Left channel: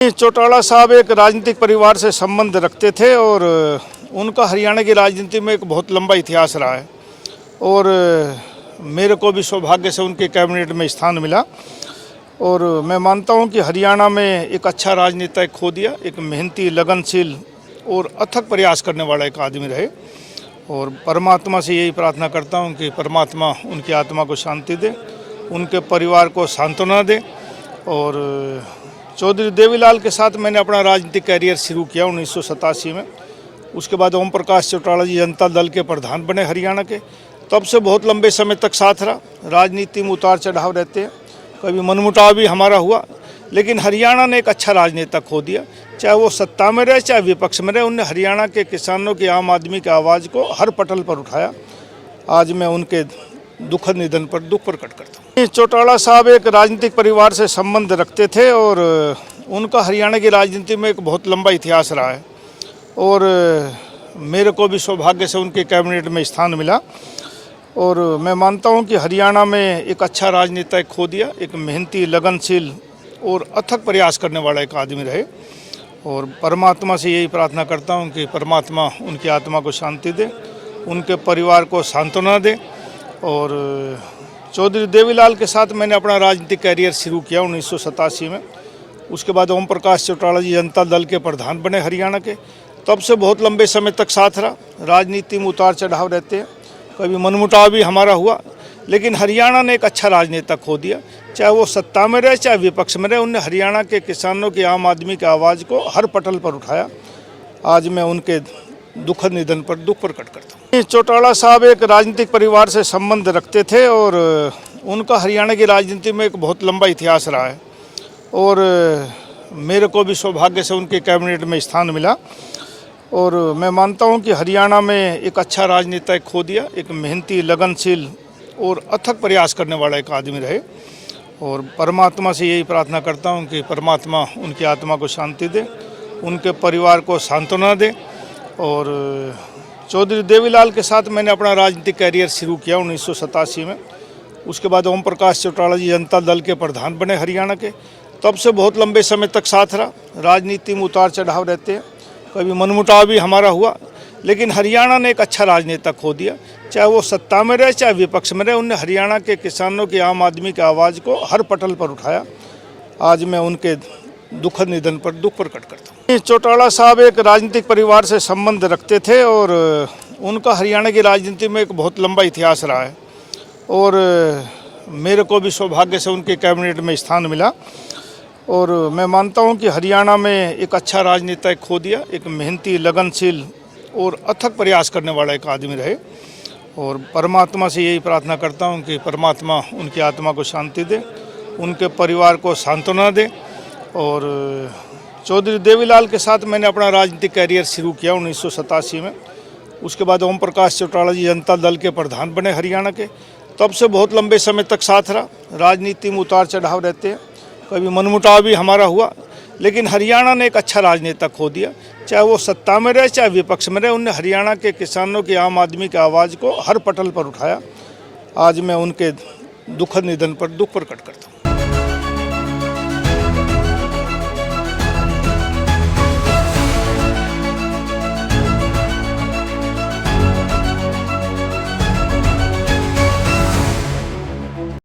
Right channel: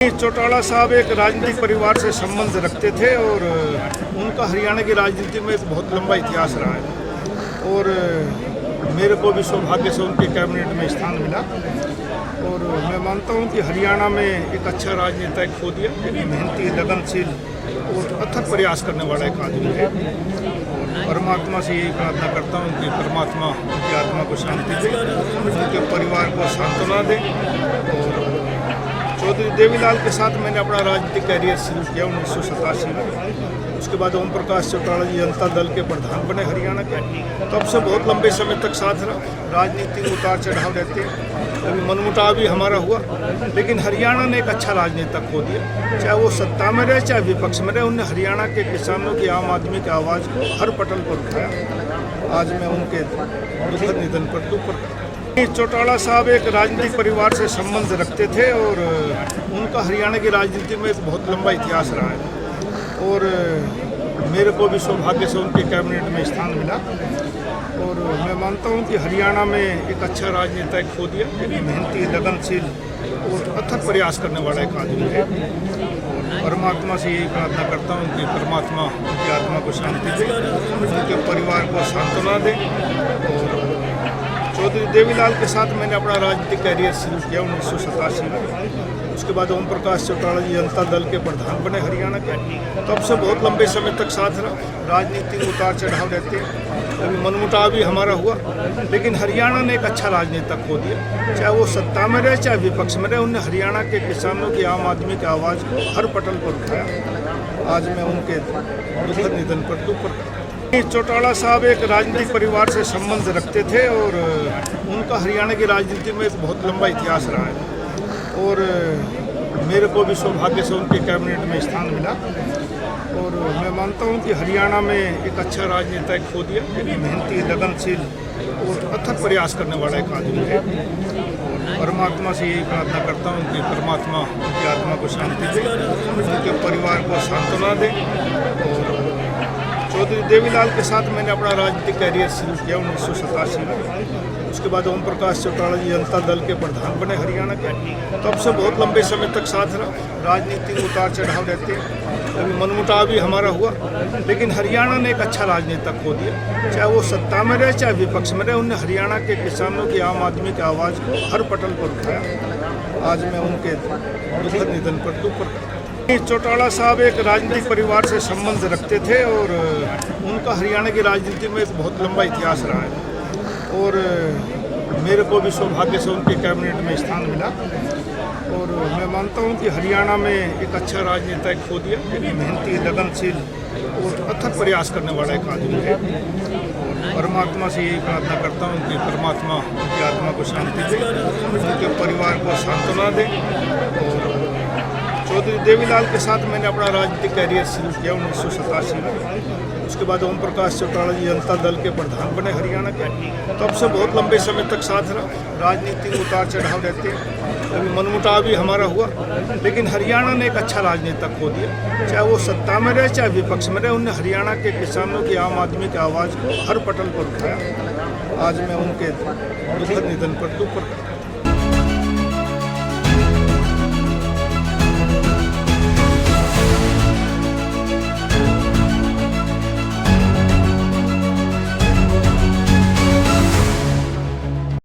चौटाला साहब एक राजनीतिक परिवार से संबंध रखते थे और उनका हरियाणा की राजनीति में एक बहुत लंबा इतिहास रहा है और मेरे को भी सौभाग्य से उनके कैबिनेट में स्थान मिला और मैं मानता हूं कि हरियाणा में एक अच्छा राजनीतिक खो दिया, एक मेहनती, लगनशील और अथक प्रयास करने वाला एक आदमी रहे और परमात्मा से यही प्रार्थना करता हूं कि परमात्मा उनकी आत्मा को शांति दे, उनके परिवार को सांत्वना दे। और चौधरी देवीलाल के साथ मैंने अपना राजनीतिक कैरियर शुरू किया 1987 में। उसके बाद ओम प्रकाश चौटाला जी जनता दल के प्रधान बने हरियाणा के। तब से बहुत लंबे समय तक साथ रहा। राजनीति में उतार चढ़ाव रहते, कभी मनमुटाव भी हमारा हुआ, लेकिन हरियाणा ने एक अच्छा राजनेता खो दिया। चाहे वो सत्ता में रहे चाहे विपक्ष में रहे, उनने हरियाणा के किसानों की, आम आदमी की आवाज़ को हर पटल पर उठाया। आज मैं उनके दुखद निधन पर दुख प्रकट करता हूँ। चौटाला साहब एक राजनीतिक परिवार से संबंध रखते थे और उनका हरियाणा की राजनीति में एक बहुत लंबा इतिहास रहा है और मेरे को भी सौभाग्य से उनके कैबिनेट में स्थान मिला और मैं मानता हूं कि हरियाणा में एक अच्छा राजनेता खो दिया, एक मेहनती, लगनशील और अथक प्रयास करने वाला एक आदमी रहे और परमात्मा से यही प्रार्थना करता हूं कि परमात्मा उनकी आत्मा को शांति दे, उनके परिवार को सांत्वना दे। और चौधरी देवीलाल के साथ मैंने अपना राजनीतिक कैरियर शुरू किया 1987 में। उसके बाद ओम प्रकाश चौटाला जी जनता दल के प्रधान बने हरियाणा के। तब से बहुत लंबे समय तक साथ रहा। राजनीति में उतार चढ़ाव रहते, कभी मनमुटाव भी हमारा हुआ, लेकिन हरियाणा ने एक अच्छा राजनेता खो दिया। चाहे वो सत्ता में रहे चाहे विपक्ष में रहे, उनने हरियाणा के किसानों की, आम आदमी की आवाज़ को हर पटल पर उठाया। आज मैं उनके दुखद निधन पर दुख प्रकट करता हूँ। चौटाला साहब एक राजनीतिक परिवार से संबंध रखते थे और उनका हरियाणा की राजनीति में एक बहुत लंबा इतिहास रहा है और मेरे को भी सौभाग्य से उनके कैबिनेट में स्थान मिला और मैं मानता हूं कि हरियाणा में एक अच्छा राजनीतिक खो दिया, एक मेहनती, लगनशील और अथक प्रयास करने वाला एक आदमी रहे और परमात्मा से यही प्रार्थना करता हूं कि परमात्मा उनकी आत्मा को शांति दे, उनके परिवार को सांत्वना दे। और चौधरी देवीलाल के साथ मैंने अपना राजनीतिक कैरियर शुरू किया 1987 में। उसके बाद ओम प्रकाश चौटाला जी जनता दल के प्रधान बने हरियाणा के। तब से बहुत लंबे समय तक साथ रहा। राजनीति में उतार चढ़ाव रहते, कभी मनमुटाव भी हमारा हुआ, लेकिन हरियाणा ने एक अच्छा राजनेता खो दिया। चाहे वो सत्ता में रहे चाहे विपक्ष में रहे, उनने हरियाणा के किसानों की, आम आदमी की आवाज़ को हर पटल पर उठाया। आज मैं उनके दुखद निधन पर दुख प्रकट करता हूँ। चौटाला साहब एक राजनीतिक परिवार से संबंध रखते थे और उनका हरियाणा की राजनीति में एक बहुत लंबा इतिहास रहा है और मेरे को भी सौभाग्य से उनके कैबिनेट में स्थान मिला और मैं मानता हूं कि हरियाणा में एक अच्छा राजनीतिक खो दिया, एक मेहनती, लगनशील और अथक प्रयास करने वाला एक आदमी रहे और परमात्मा से यही प्रार्थना करता हूं कि परमात्मा उनकी आत्मा को शांति दे, उनके परिवार को सांत्वना दे। और चौधरी देवीलाल के साथ मैंने अपना राजनीतिक कैरियर शुरू किया 1987 में। उसके बाद ओम प्रकाश चौटाला जी जनता दल के प्रधान बने हरियाणा के। तब से बहुत लंबे समय तक साथ रहा। राजनीति में उतार चढ़ाव रहते, कभी मनमुटाव भी हमारा हुआ, लेकिन हरियाणा ने एक अच्छा राजनेता खो दिया। चाहे वो सत्ता में रहे चाहे विपक्ष में रहे, उनने हरियाणा के किसानों की, आम आदमी की आवाज़ को हर पटल पर उठाया। आज मैं उनके दुखद निधन पर दुख प्रकट करता हूँ।